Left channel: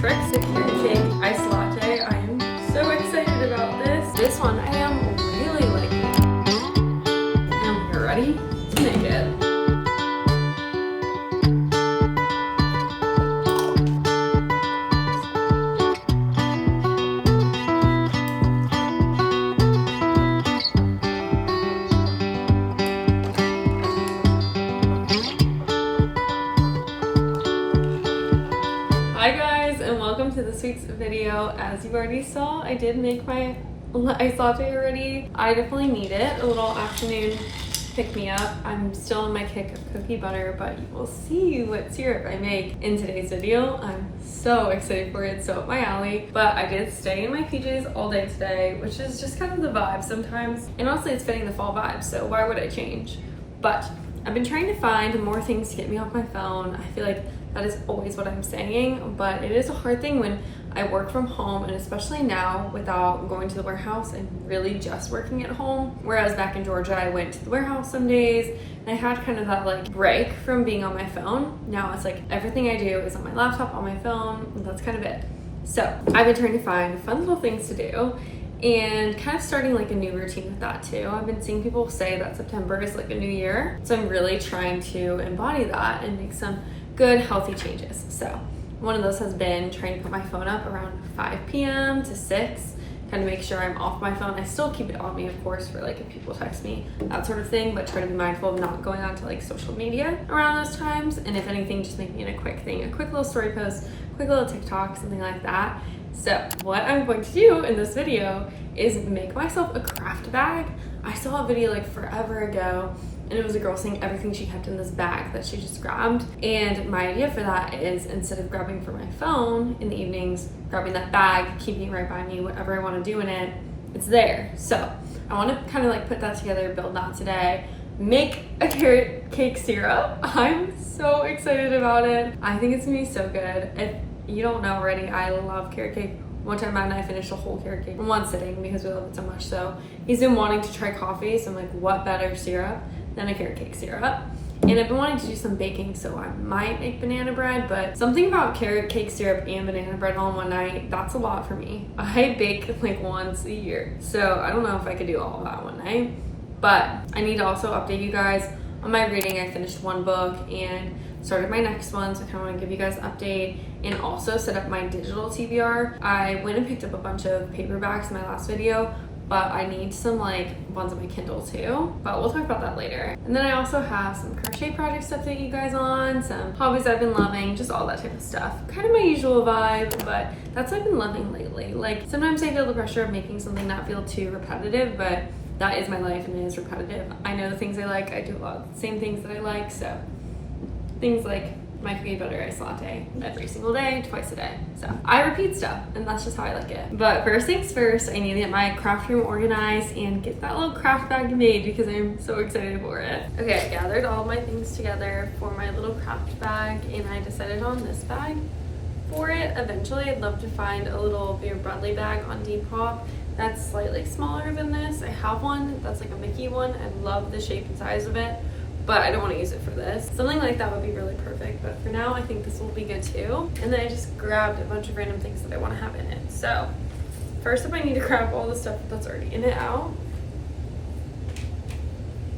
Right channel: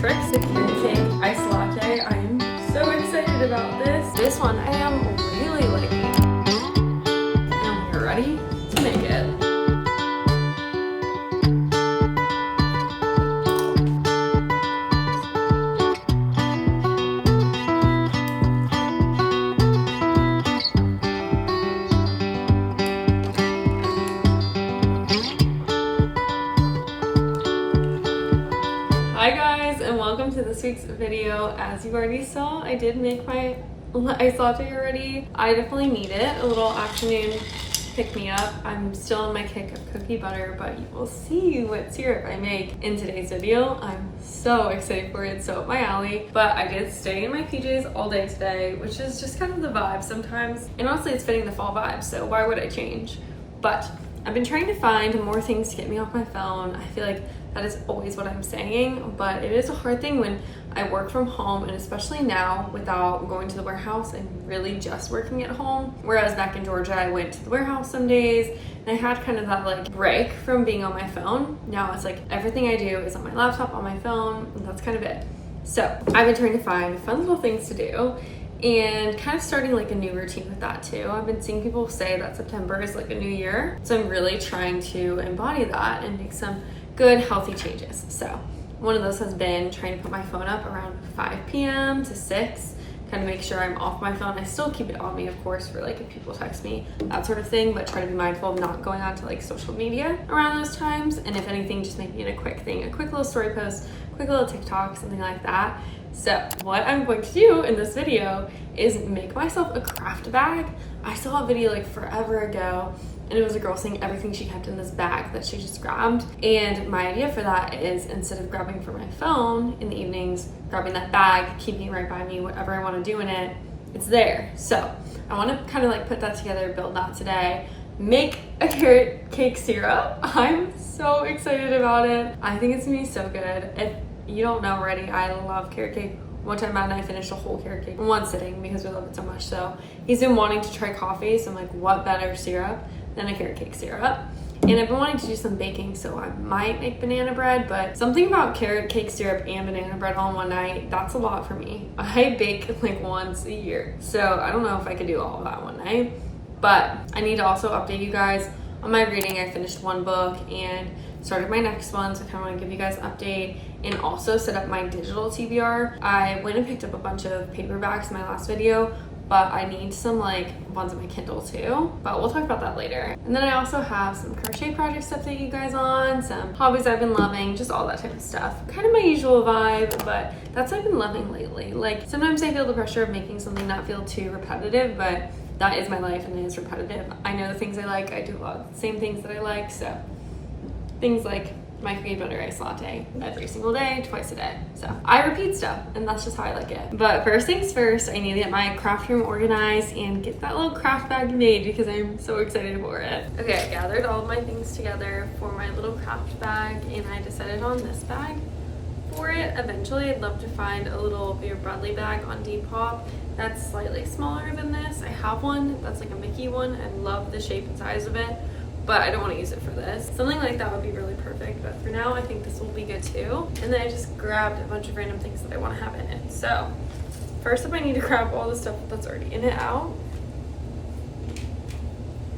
Trick Secure Shake Iced Latte. I am so excited about this. This one I am really liking. And you're ready to make it. Hi guys, and welcome to this week's video. As you already saw, I did make my iced latte already. I definitely need it. A little afternoon pick-me-up. I'm still on my kick of cookie butter, but you will see what syrup I make in today's video. I'm so excited for it. It's so up my alley. But I did stay in my PJs all day today, which is just kind of the vibe sometimes. And honestly, it's fitting the fall vibe, so why would I change? But I've been trying to find more things to get me off my phone. I feel like that is always what I'm saying, but it is a hard thing when I work from home, and especially now without going to the warehouse and really just working at home. Whereas back in Georgia, I went to the warehouse some days and I had kind of that like break from being on my phone. Now it's like everything I do is on my laptop, on my phone, and that's kind of it. So I've been trying to find fun little things to do and kind of starting like a new routine with that too. I've been seeing people say that September is like a new year. So I'm really trying to embody that and make some good healthy changes. So one of those has been trying to put my phone up around 5 p.m. to 6, kind of make sure I'm off my phone. I still keep it on me, of course, for like if people text me, that sort of thing, but try to be mindful of not going on to like social media around those times. And if anything, just making it a quick thing, a quick little story post, quick little TikTok, something like that. So what I'm going to do in this video is make myself a craft bag. I saw a video like forever ago, and it was a girl saying everything she kept in this bag that she just grabbed. And my idea for that is, instead of grabbing for my phone in the evenings, grabbing that bag, keeping it right by me, whatever I want to do in it, it's there. So I want to kind of like put that together, build that today, make a carrot cake syrup. I'm so excited about it. I think it's gonna be so good. If you don't know already, I love carrot cake. One time Matt and I finished a whole carrot cake in one sitting because we love it so much. So he's been wanting to try coffee, so I'm like, what better syrup than a carrot cake syrup? And I've been wanting to do some baking, so I might make banana bread, but something about carrot cake syrup and banana bread all in one night, that's a lot for me. I bake like once a year, so I don't know if I could do all of that one night. But I need to also update you guys on my reading. I finished one book and started my next one, so I kind of want to give you guys an update and also set up my digital TBR. I went and picked up a bunch of paperbacks in my last video, but I need some like ones on my Kindle too, but we'll talk about that later. And then I also have some crochet projects to update you guys on, some hobbies I've been loving, just all that type of stuff. Kind of my usual vibe, but that's what I've been loving lately. Like sometimes I feel the pressure of making something not feel too repetitive, but that is my life and it is repetitive. I know the things I like, I do a lot of the same things that I like, so things like my cookie butter iced latte every single day, twice a day. So I repeat stuff, and that's just how I like it. But first things first, I need to get my craft room organized and get that little craft bag made because I'm so excited for it. Okay, I gathered all of my things together for my little craft bag, and I decided on this bag for it. Eventually, I'd love to find a little Vera Bradley bag on Depop that's slightly smaller than this. I have one that's like a Mickey one. I love the shape and size of it, but I don't want to use it for this. Something like that would be really perfect, but for now I think this will be good too. And then I just grabbed a bunch of random things that I want to have in it. So first up, I need to grab all the stuff that's already in it out.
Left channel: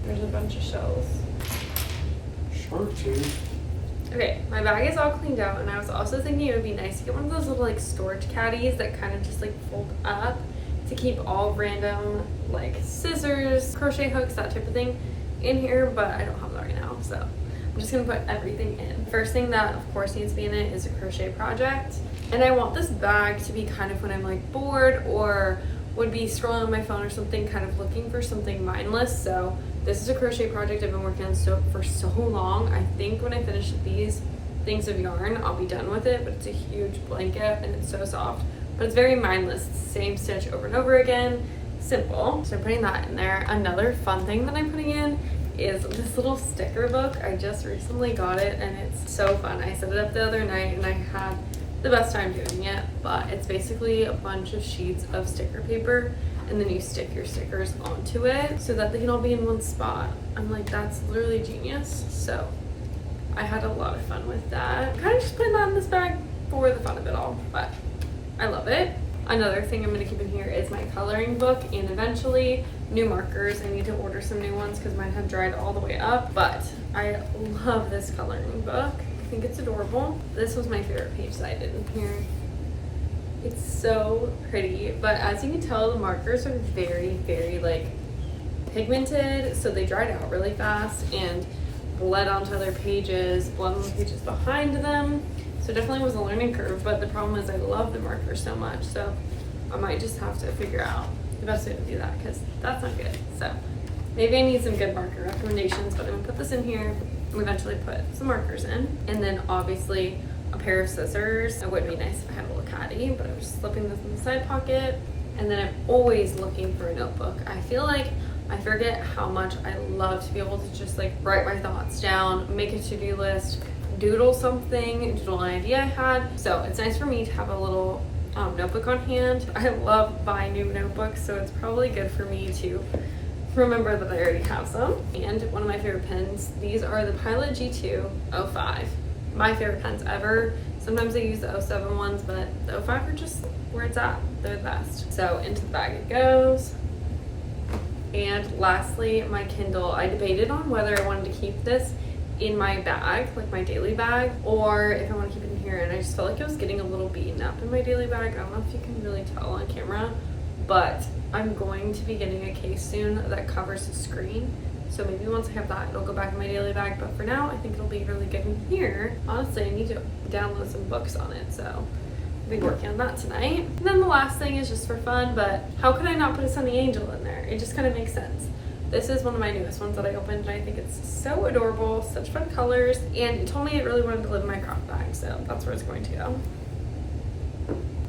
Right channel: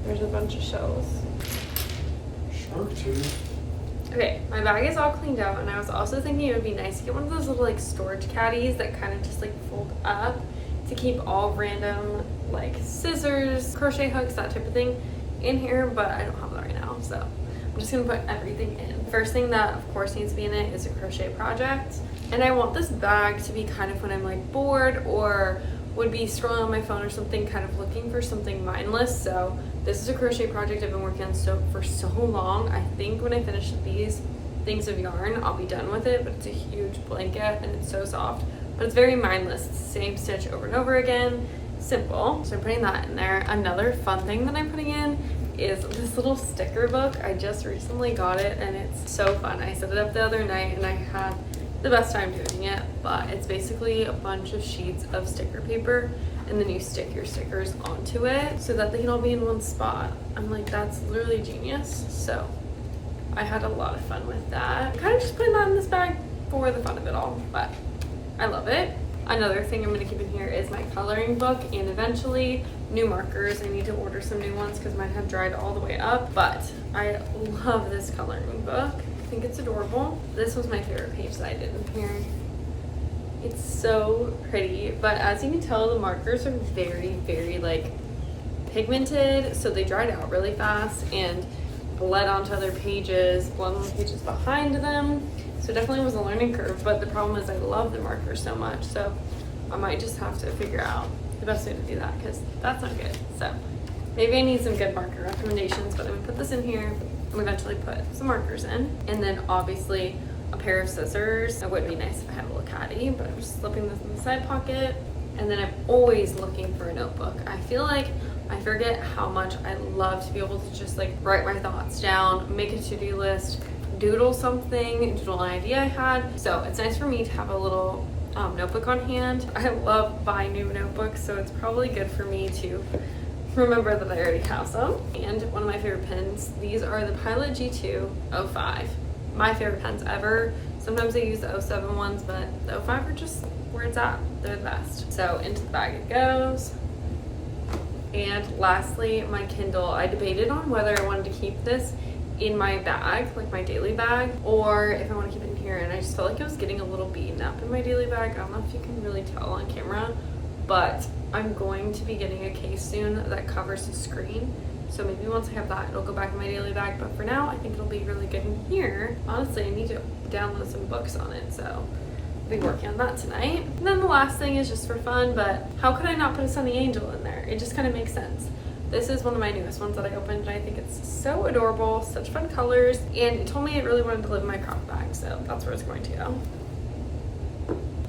There's a bunch of shells. Shark tooth. Okay, my bag is all cleaned out, and I was also thinking it would be nice to get one of those little like storage caddies that kind of just like fold up to keep all random like scissors, crochet hooks, that type of thing in here, but I don't have that right now, so I'm just gonna put everything in. First thing that of course needs to be in it is a crochet project, and I want this bag to be kind of when I'm like bored or would be scrolling on my phone or something, kind of looking for something mindless. So this is a crochet project I've been working on for so long. I think when I finish these things of yarn, I'll be done with it, but it's a huge blanket and it's so soft, but it's very mindless. It's the same stitch over and over again, simple. So I'm putting that in there. Another fun thing that I'm putting in is this little sticker book. I just recently got it and it's so fun. I set it up the other night and I had the best time doing it, but it's basically a bunch of sheets of sticker paper, and then you stick your stickers onto it so that they can all be in one spot. I'm like, that's literally genius. So I had a lot of fun with that. Kind of just putting that in this bag for the fun of it all, but I love it. Another thing I'm going to keep in here is my coloring book and eventually new markers. I need to order some new ones because mine have dried all the way up, but I love this coloring book. I think it's adorable. This was my favorite page that I did in here. It's so pretty, but as you can tell, the markers are very, very like pigmented, so they dried out really fast and bled onto other pages, bled on the pages behind them. So it definitely was a learning curve, but the problem is I love the markers so much, so I might just have to figure out the best way to do that because that's not good. So maybe I need some good marker recommendations, but I'm gonna put this in here and eventually put some markers in. And then obviously a pair of scissors. It would be nice if I had a little caddy, but I was slipping this in the side pocket. And then I'm always looking for a notebook. I feel like I forget how much I love to be able to just like write my thoughts down, make a to-do list, doodle something, doodle an idea I had. So it's nice for me to have a little notebook on hand. I love buying new notebooks, so it's probably good for me to remember that I already have some. And one of my favorite pens, these are the Pilot G2 05. My favorite pens ever. Sometimes I use the 07 ones, but the 05 are just where it's at. They're the best. So into the bag it goes. And lastly, my Kindle. I debated on whether I wanted to keep this in my bag, like my daily bag, or if I want to keep it in here. And I just felt like I was getting a little beaten up in my daily bag. I don't know if you can really tell on camera, but I'm going to be getting a case soon that covers the screen. So maybe once I have that, it'll go back in my daily bag. But for now, I think it'll be really good in here. Honestly, I need to download some books on it, so I'll be working on that tonight. And then the last thing is just for fun, but how could I not put a Sunny Angel in there? It just kind of makes sense. This is one of my newest ones that I opened, and I think it's so adorable, such fun colors, and it told me it really wanted to live in my crop bag, so that's where it's going to go.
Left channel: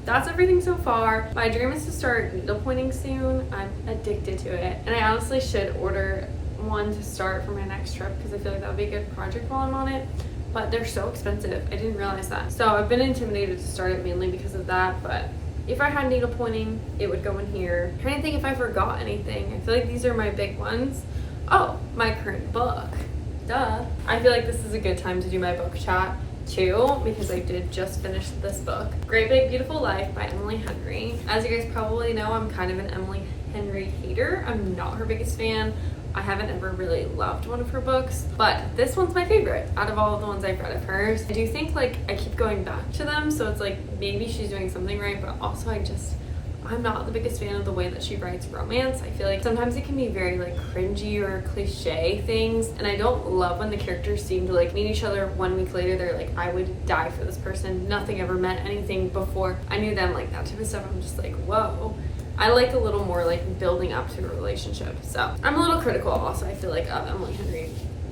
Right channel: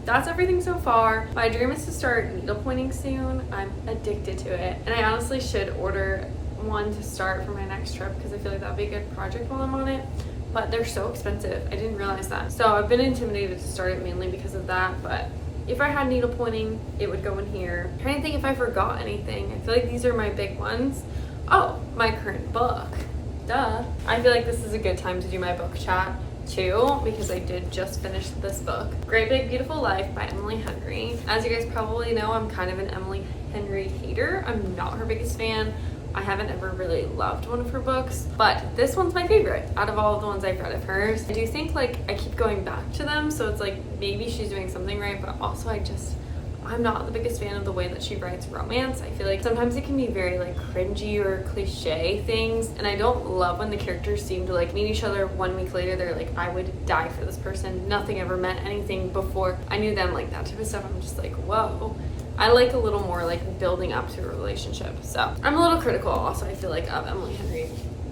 That's everything so far. My dream is to start needlepointing soon. I'm addicted to it, and I honestly should order one to start for my next trip because I feel like that would be a good project while I'm on it, but they're so expensive. I didn't realize that. So I've been intimidated to start it mainly because of that, but if I had needle pointing, it would go in here. I'm trying to think if I forgot anything. I feel like these are my big ones. Oh, my current book. Duh. I feel like this is a good time to do my book chat too, because I did just finish this book, Great Big Beautiful Life by Emily Henry. As you guys probably know, I'm kind of an Emily Henry hater. I'm not her biggest fan. I haven't ever really loved one of her books, but this one's my favorite out of all of the ones I've read of hers. I do think like I keep going back to them, so it's like maybe she's doing something right, but also I'm not the biggest fan of the way that she writes romance. I feel like sometimes it can be very like cringy or cliche things, and I don't love when the characters seem to like meet each other 1 week later. They're like, I would die for this person. Nothing ever meant anything before I knew them, like that type of stuff. I'm just like, whoa. I like a little more like building up to a relationship. So I'm a little critical also, I feel like, of Emily Henry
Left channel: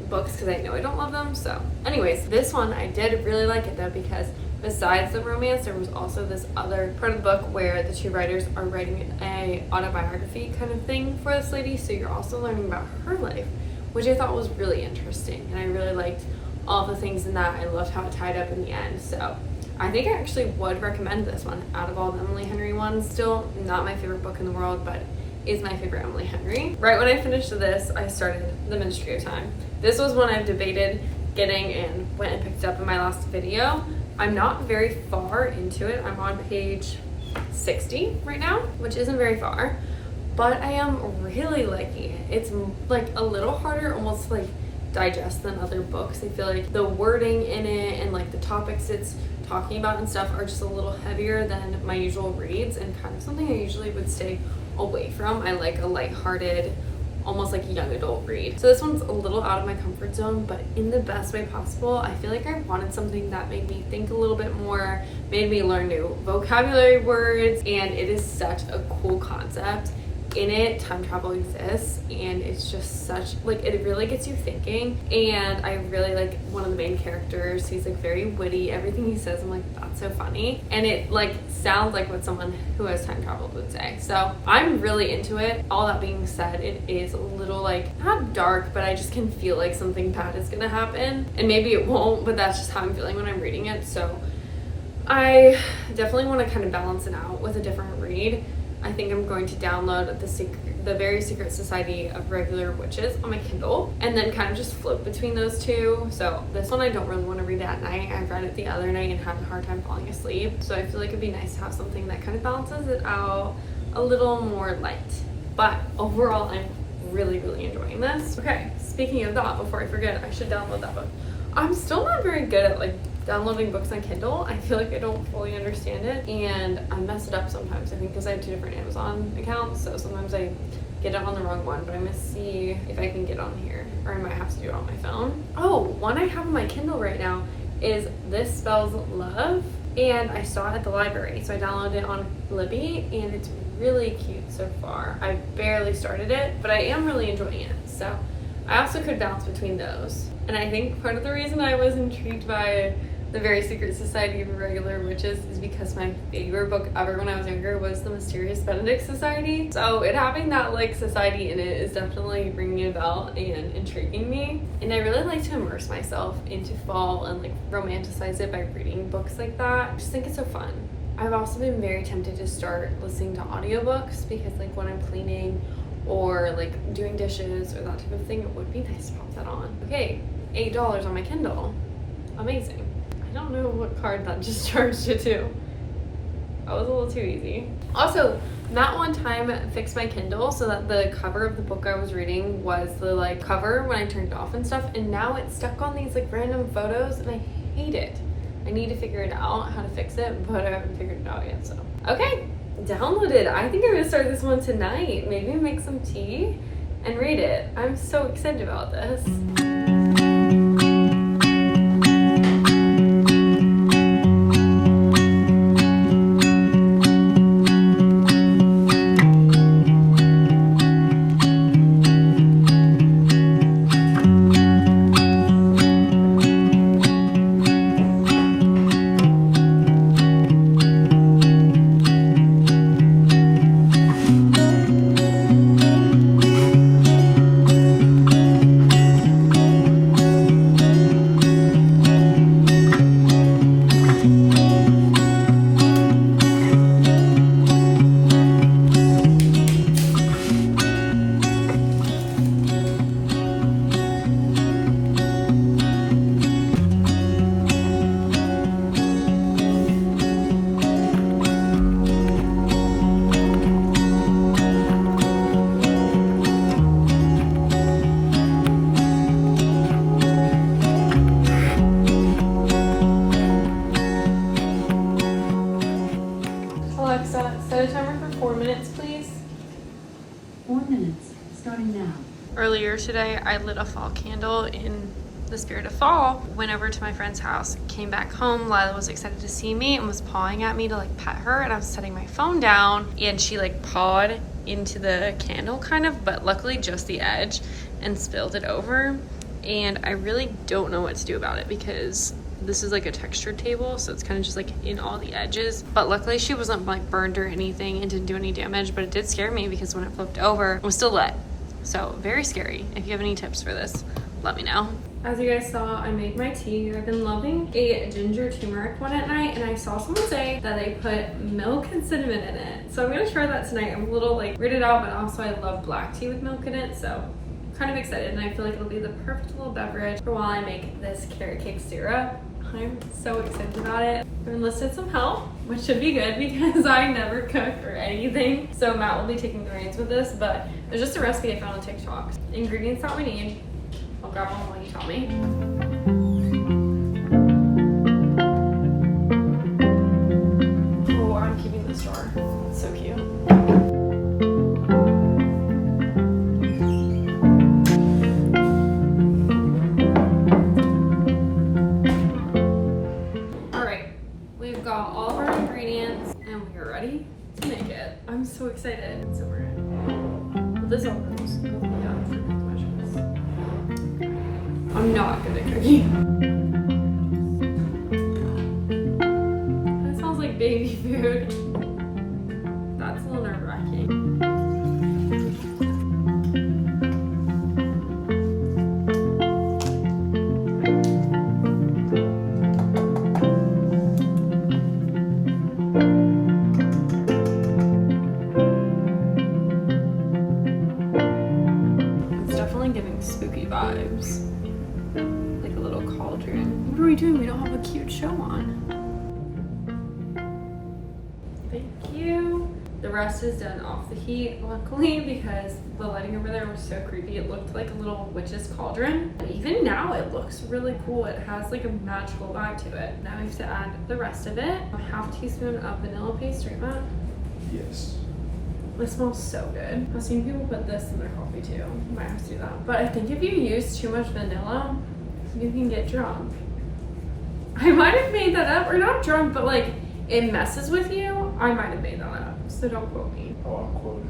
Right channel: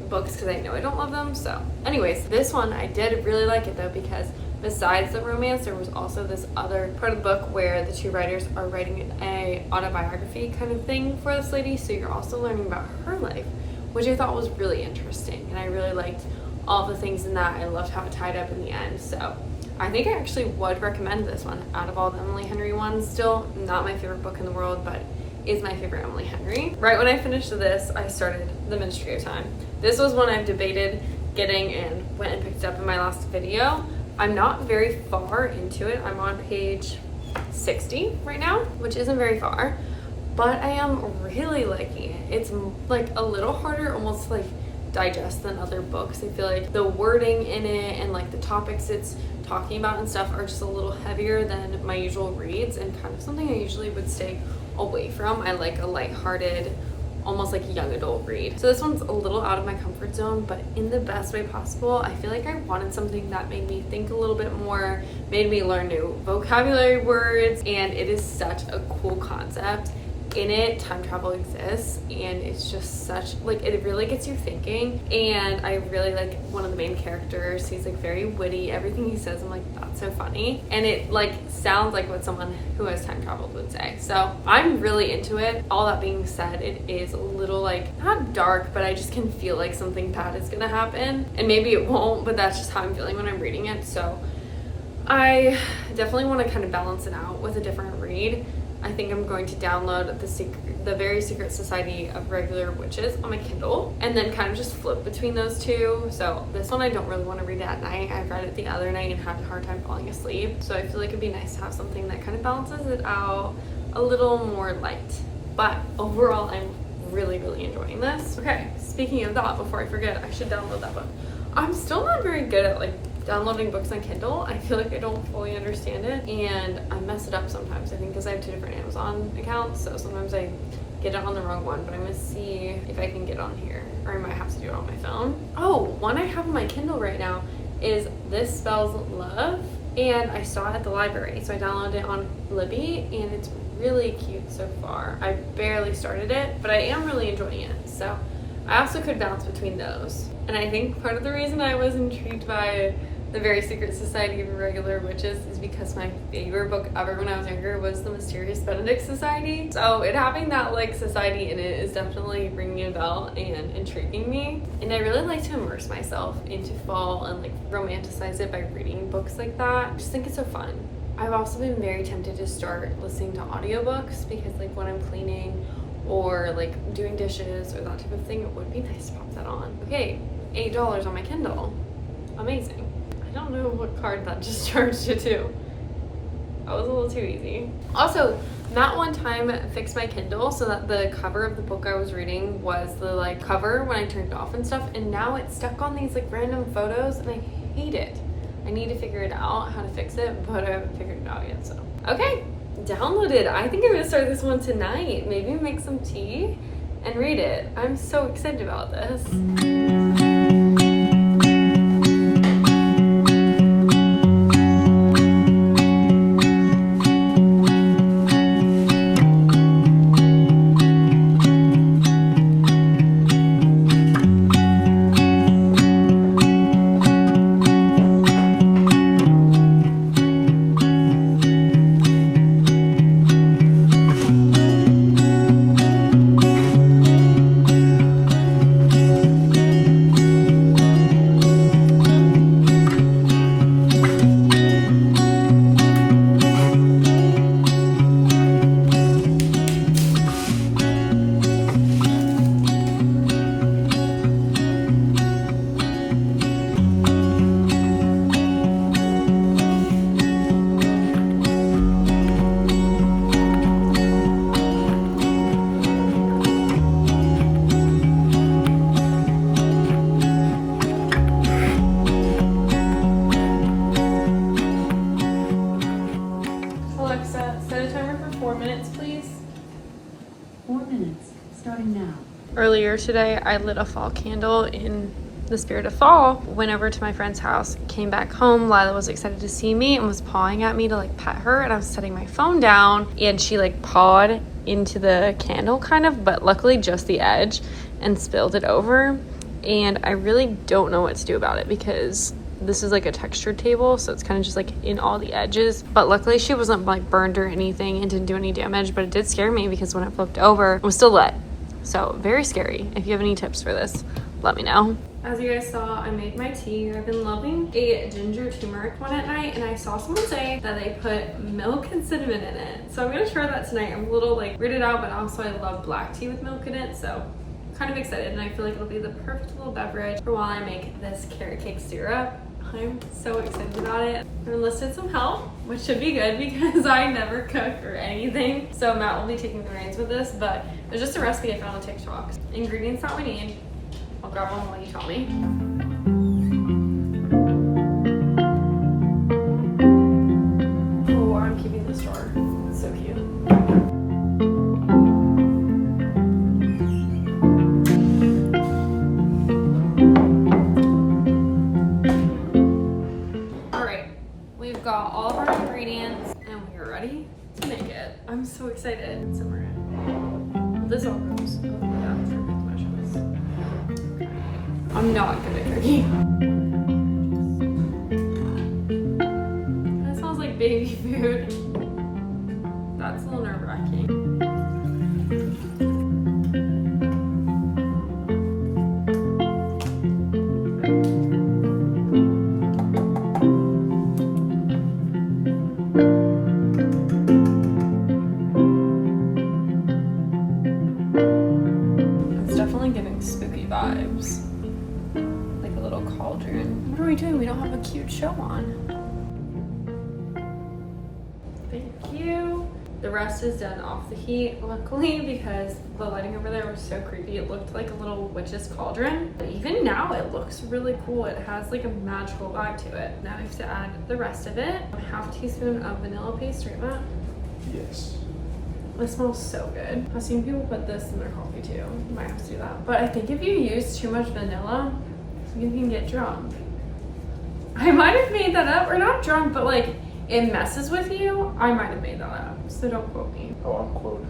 books because I know I don't love them. So anyways, this one I did really like it though, because besides the romance, there was also this other part of the book where the two writers are writing a autobiography kind of thing for this lady. So you're also learning about her life, which I thought was really interesting. And I really liked all the things in that. I loved how it tied up in the end. So I think I actually would recommend this one out of all the Emily Henry ones. Still not my favorite book in the world, but is my favorite Emily Henry. Right when I finished this, I started The Ministry of Time. This was one I've debated getting and went and picked up in my last video. I'm not very far into it. I'm on page 60 right now, which isn't very far, but I am really liking it. It's like a little harder, almost like digest than other books. I feel like the wording in it and like the topics it's talking about and stuff are just a little heavier than my usual reads, and kind of something I usually would stay away from. I like a lighthearted, almost like young adult read. So this one's a little out of my comfort zone, but in the best way possible. I feel like I wanted something that made me think a little bit more, made me learn new vocabulary words, and it is such a cool concept. In it, time travel exists, and it's just such, like, it really gets you thinking. And I really like one of the main characters. He's like very witty. Everything he says, I'm like, that's so funny, and it like sounds like what someone who has time traveled would say. So I'm really into it. All that being said, it is a little like not dark, but I just can feel like something bad is gonna happen, and maybe it won't, but that's just how I'm feeling when I'm reading it. So I definitely want to kind of balance it out with a different read. I think I'm going to download The Very Secret Society of Regular Witches on my Kindle, and then kind of just flip between those two. So this one I don't really want to read at night. I read it the other night and had a hard time falling asleep. So I feel like it'd be nice to have something that kind of balances it out a little more light. But overall, I'm really enjoying this. Okay, speaking of that, before I forget, I should download that book. I'm still not very good at like downloading books on Kindle. I feel like I don't fully understand it and I mess it up sometimes. I think because I have 2 different Amazon accounts, so sometimes I get it on the wrong one, but I'm gonna see if I can get on here, or I might have to do it on my phone. Oh, one I have on my Kindle right now is This Spells Love, and I saw it at the library, so I downloaded it on Libby, and it's really cute so far. I barely started it, but I am really enjoying it, so I also could bounce between those. And I think part of the reason I was intrigued by The Very Secret Society of Regular Witches is because my favorite book ever when I was younger was The Mysterious Benedict Society. So it having that like society in it is definitely ringing a bell and intriguing me. And I really like to immerse myself into fall and like romanticize it by reading books like that. I just think it's so fun. I've also been very tempted to start listening to audiobooks because like when I'm cleaning or like doing dishes or that type of thing, it would be nice to pop that on. Okay, $8 on my Kindle. Amazing. I don't know what card that just charged it to. That was a little too easy. Also, Matt one time fixed my Kindle so that the cover of the book I was reading was the like cover when I turned it off and stuff, and now it's stuck on these like random photos and I hate it. I need to figure it out how to fix it, but I haven't figured it out yet, so. Okay, downloaded. I think I'm gonna start this one tonight. Maybe make some tea and read it. I'm so excited about this. Alexa, set a timer for 4 minutes, please. 4 minutes, starting now. Earlier today, I lit a fall candle in the spirit of fall. Went over to my friend's house, came back home. Lila was excited to see me and was pawing at me to like pet her, and I was setting my phone down and she like pawed into the candle kind of, but luckily just the edge, and spilled it over. And I really don't know what to do about it because this is like a textured table, so it's kind of just like in all the edges. But luckily she wasn't like burned or anything and didn't do any damage, but it did scare me because when it flipped over, it was still lit. So very scary. If you have any tips for this, let me know. As you guys saw, I made my tea. I've been loving a ginger turmeric one at night, and I saw someone say that they put milk and cinnamon in it. So I'm gonna try that tonight. I'm a little like weirded out, but also I love black tea with milk in it, so I'm kind of excited, and I feel like it'll be the perfect little beverage for while I make this carrot cake syrup. I'm so excited about it. I've enlisted some help, which should be good because I never cook or anything. So Matt will be taking the reins with this, but there's just a recipe I found on TikTok. Ingredients that we need. I'll grab one while you tell me. Oh, I'm keeping this jar. It's so cute. Got all of our ingredients and we are ready to make it. I'm so excited. So we're gonna put this all goes. Oh my god, it's perfect measurements. I'm not good at cooking. That smells like baby food. That's a little nerve-wracking. definitely giving spooky vibes. Like a little cauldron. What are we doing? We don't have a cute show on. Thank you. The rest is done off the heat, luckily, because the lighting over there was so creepy. It looked like a little witch's cauldron. And even now, it looks really cool. It has like a magical vibe to it. Now I have to add the rest of it. A half teaspoon of vanilla paste, right, Matt? Yes. It smells so good. I've seen people put this in their coffee too. Might have to do that. But I think if you use too much vanilla, you can get drunk. I might have made that up, or not drunk, but like it messes with you. I might have made that up, so don't quote me. Oh, I'm quoted.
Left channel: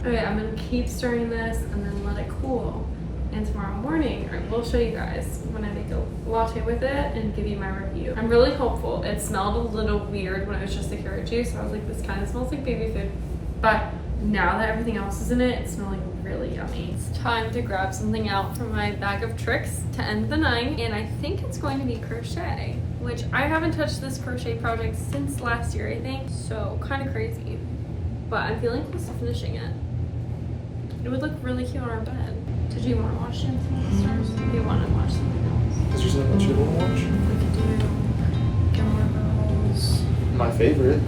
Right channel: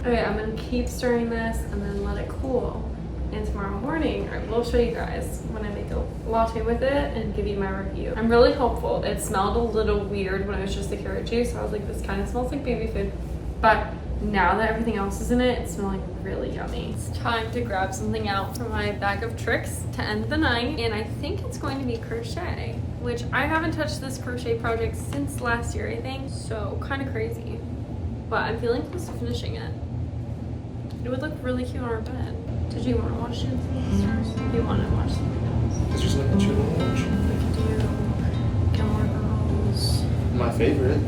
Okay, I'm gonna keep stirring this and then let it cool. And tomorrow morning, I will show you guys when I make a latte with it and give you my review. I'm really hopeful. It smelled a little weird when it was just the carrot juice. So I was like, this kind of smells like baby food. But now that everything else is in it, it's smelling really yummy. It's time to grab something out from my bag of tricks to end the night. And I think it's going to be crochet, which I haven't touched this crochet project since last year, I think. So kind of crazy. But I'm feeling close to finishing it. It would look really cute on our bed. Did you want to watch Dancing with the Stars? Do you want to watch something else? Is there something that you want to watch? We could do Gilmore Girls. My favorite.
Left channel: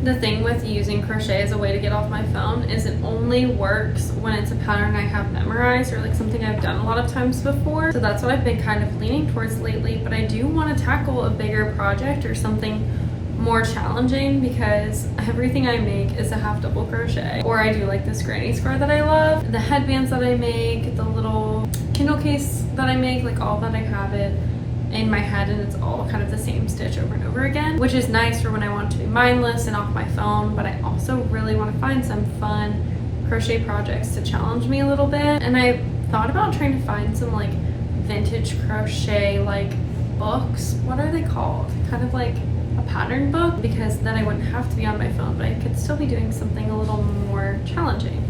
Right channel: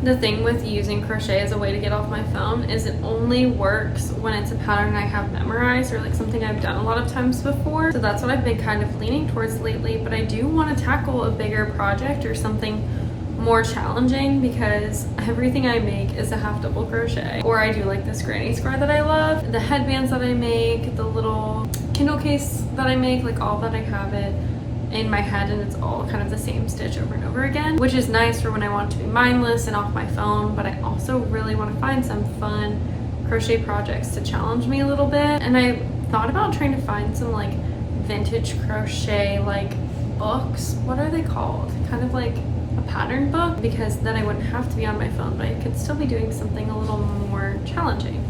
The thing with using crochet as a way to get off my phone is it only works when it's a pattern I have memorized or like something I've done a lot of times before. So that's what I've been kind of leaning towards lately, but I do want to tackle a bigger project or something more challenging because everything I make is a half double crochet. Or I do like this granny square that I love, the headbands that I make, the little Kindle case that I make, like all that I have it in my head and it's all kind of the same stitch over and over again, which is nice for when I want to be mindless and off my phone, but I also really want to find some fun crochet projects to challenge me a little bit. And I thought about trying to find some like vintage crochet like books. What are they called? Kind of like a pattern book, because then I wouldn't have to be on my phone, but I could still be doing something a little more challenging.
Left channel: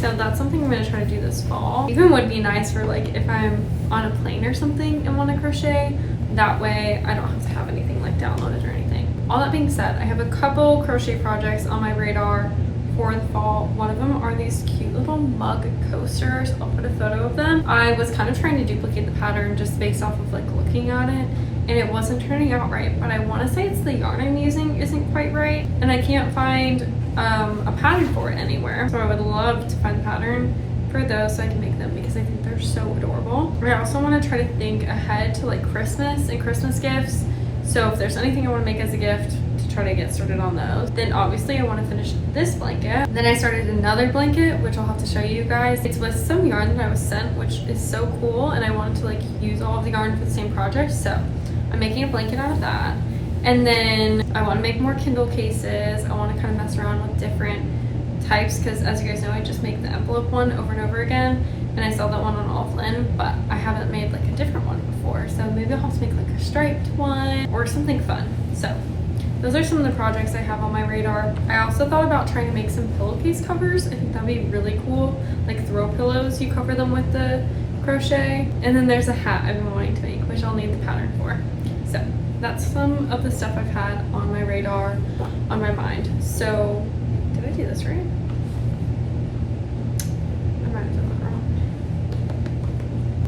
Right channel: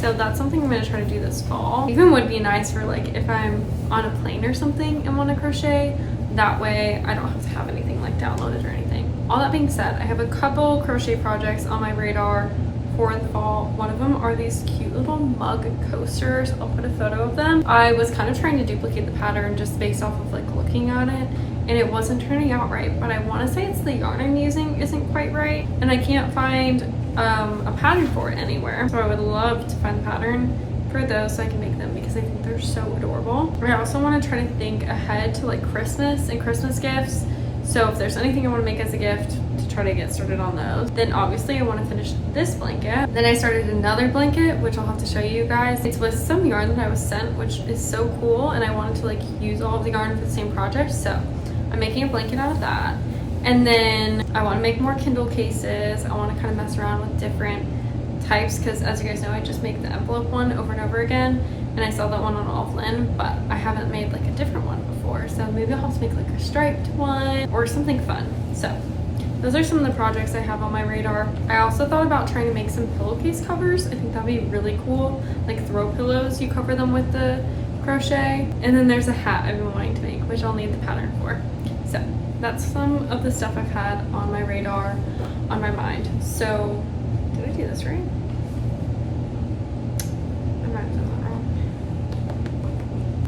So that's something I'm going to try to do this fall. Even would be nice for like if I'm on a plane or something and want to crochet. That way I don't have to have anything like downloaded or anything. All that being said, I have a couple crochet projects on my radar for the fall. One of them are these cute little mug coasters. I'll put a photo of them. I was kind of trying to duplicate the pattern just based off of like looking at it, and it wasn't turning out right, but I want to say it's the yarn I'm using isn't quite right, and I can't find a pattern for it anywhere. So I would love to find a pattern for those so I can make them because I think they're so adorable. I also want to try to think ahead to like Christmas and Christmas gifts. So if there's anything I want to make as a gift, to try to get started on those. Then obviously I want to finish this blanket. Then I started another blanket, which I'll have to show you guys. It's with some yarn that I was sent, which is so cool, and I wanted to like use all of the yarn for the same project. So I'm making a blanket out of that. And then I want to make more Kindle cases. I want to kind of mess around with different types because, as you guys know, I just make the envelope one over and over again, and I saw that one on Offline, but I haven't made like a different one before. So maybe I'll have to make like a striped one or something fun. So those are some of the projects I have on my radar. I also thought about trying to make some pillowcase covers. I think that'd be really cool. Like throw pillows, you cover them with the crochet. And then there's a hat I've been wanting to make, which I'll need the pattern for. So that's some of the stuff I've had on my radar, on my mind. So, did I do this right? I might have done that wrong.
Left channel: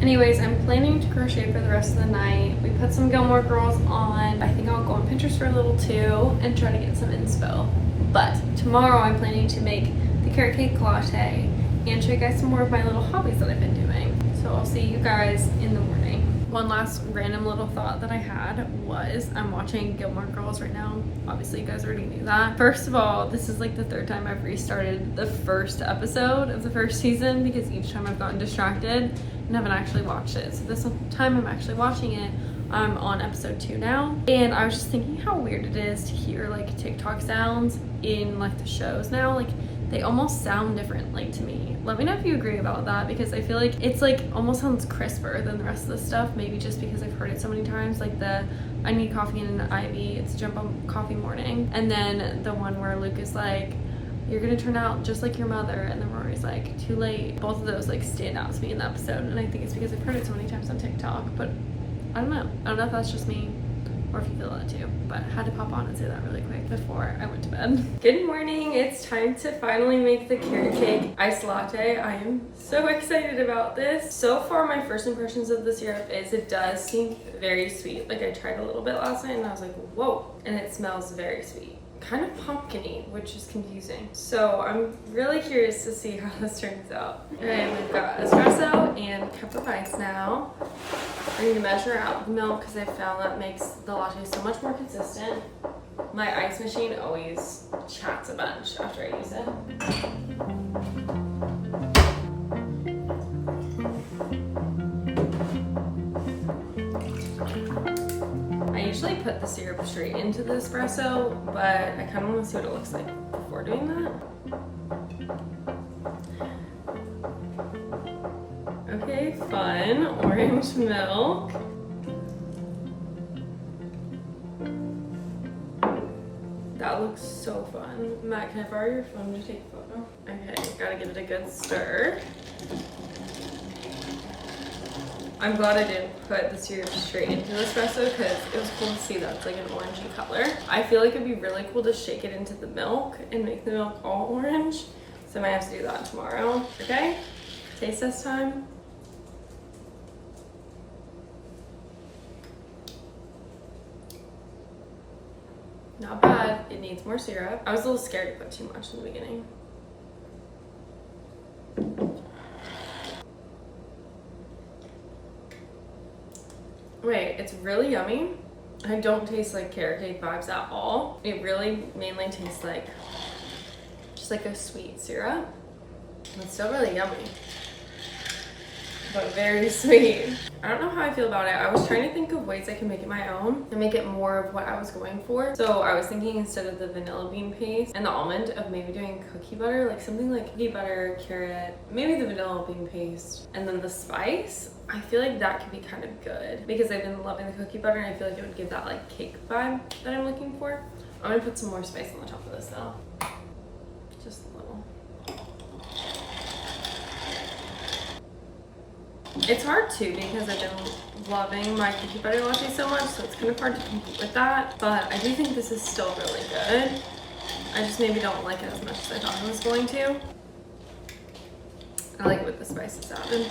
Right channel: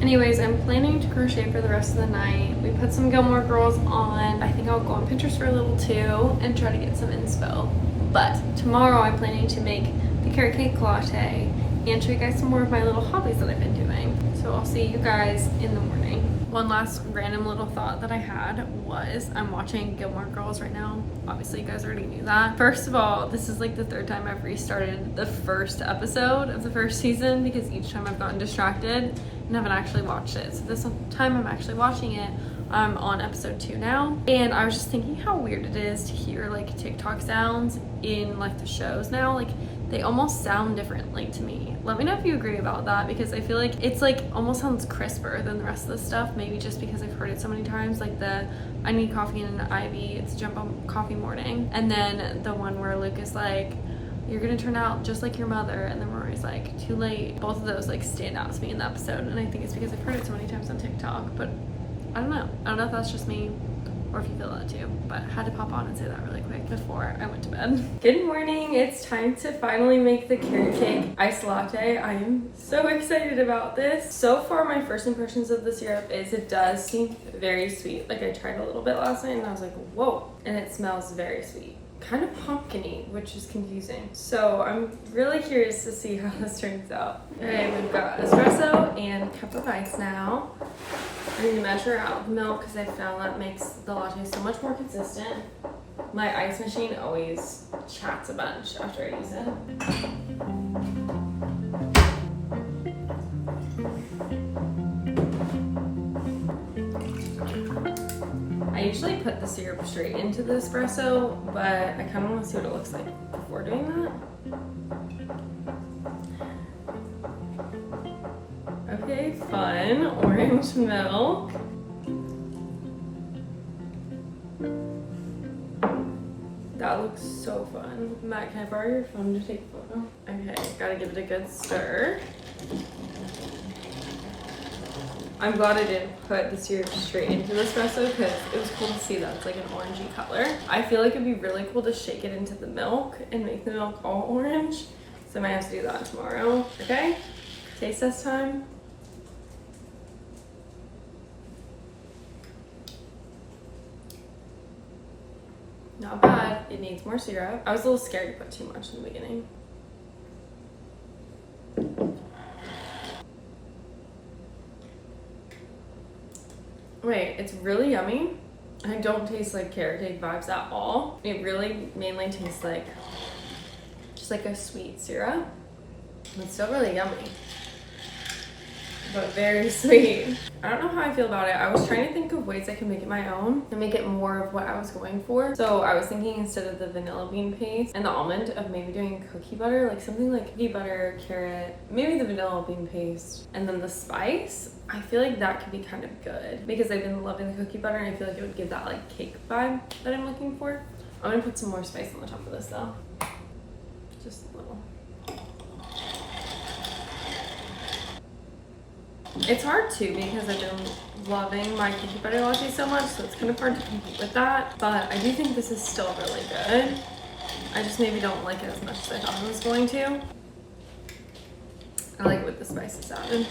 Anyways, I'm planning to crochet for the rest of the night. We put some Gilmore Girls on. I think I'll go on Pinterest for a little too and try to get some inspo. But tomorrow I'm planning to make the carrot cake latte and show you guys some more of my little hobbies that I've been doing. So I'll see you guys in the morning. One last random little thought that I had was I'm watching Gilmore Girls right now. Obviously you guys already knew that. First of all, this is like the third time I've restarted the first episode of the first season because each time I've gotten distracted and haven't actually watched it. So this time I'm actually watching it. I'm on episode 2 now, and I was just thinking how weird it is to hear like TikTok sounds in like the shows now. Like they almost sound different, like, to me. Let me know if you agree about that, because I feel like it's like almost sounds crisper than the rest of the stuff, maybe just because I've heard it so many times, like the I need coffee and an Ivy, it's jump on coffee morning, and then the one where Luke is like, you're gonna turn out just like your mother, and then Rory's like, too late. Both of those like stand out to me in the episode, and I think it's because I've heard it so many times on TikTok, but I don't know if that's just me or if you feel that too, but I had to pop on and say that really quick before I went to bed. Good morning, it's time to finally make the carrot cake iced latte. I am so excited about this. So far, my first impressions of the syrup is it does seem very sweet. Like I tried a little bit last night and I was like, whoa, and it smells very sweet. Kind of pumpkin-y, which is confusing. So I'm really curious to see how this turns out. Okay, we've got espresso and a cup of ice now. I need to measure out the milk because I found that makes the latte so much more consistent. My ice machine always chats a bunch after I use it. I usually put the syrup straight into the espresso, but I kind of want to see what it looks like before doing that. Okay, fun. Orange milk. That looks so fun. Matt, can I borrow your phone to take a photo? Okay, gotta give it a good stir. I'm glad I didn't put the syrup straight into the espresso because it was cool to see that it's like an orangey color. I feel like it'd be really cool to shake it into the milk and make the milk all orange. So I might have to do that tomorrow. Okay, taste test time. Not bad. It needs more syrup. I was a little scared to put too much in the beginning. Wait, it's really yummy. I don't taste like carrot cake vibes at all. It really mainly tastes like just like a sweet syrup. It's still really yummy, but very sweet. I don't know how I feel about it. I was trying to think of ways I can make it my own and make it more of what I was going for. So I was thinking instead of the vanilla bean paste and the almond of maybe doing cookie butter, like something like cookie butter, carrot, maybe the vanilla bean paste, and then the spice. I feel like that could be kind of good because I've been loving the cookie butter and I feel like it would give that like cake vibe that I'm looking for. I'm gonna put some more spice on the top of this though. Just a little. It's hard too because I've been loving my cookie butter latte so much, so it's kind of hard to compete with that. But I do think this is still really good. I just maybe don't like it as much as I thought I was going to. I like it with the spices added.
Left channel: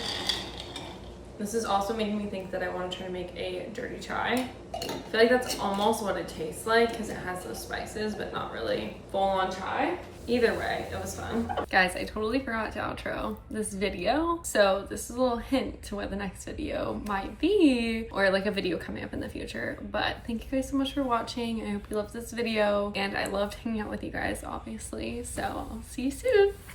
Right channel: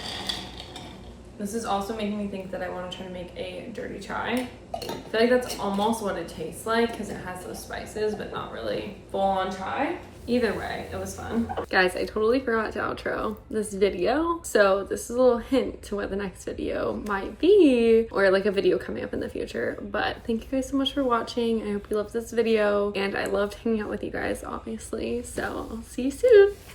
This is also making me think that I want to try to make a dirty chai. I feel like that's almost what it tastes like because it has those spices, but not really full-on chai. Either way, it was fun. Guys, I totally forgot to outro this video. So this is a little hint to what the next video might be, or like a video coming up in the future. But thank you guys so much for watching. I hope you loved this video, and I loved hanging out with you guys, obviously. So I'll see you soon.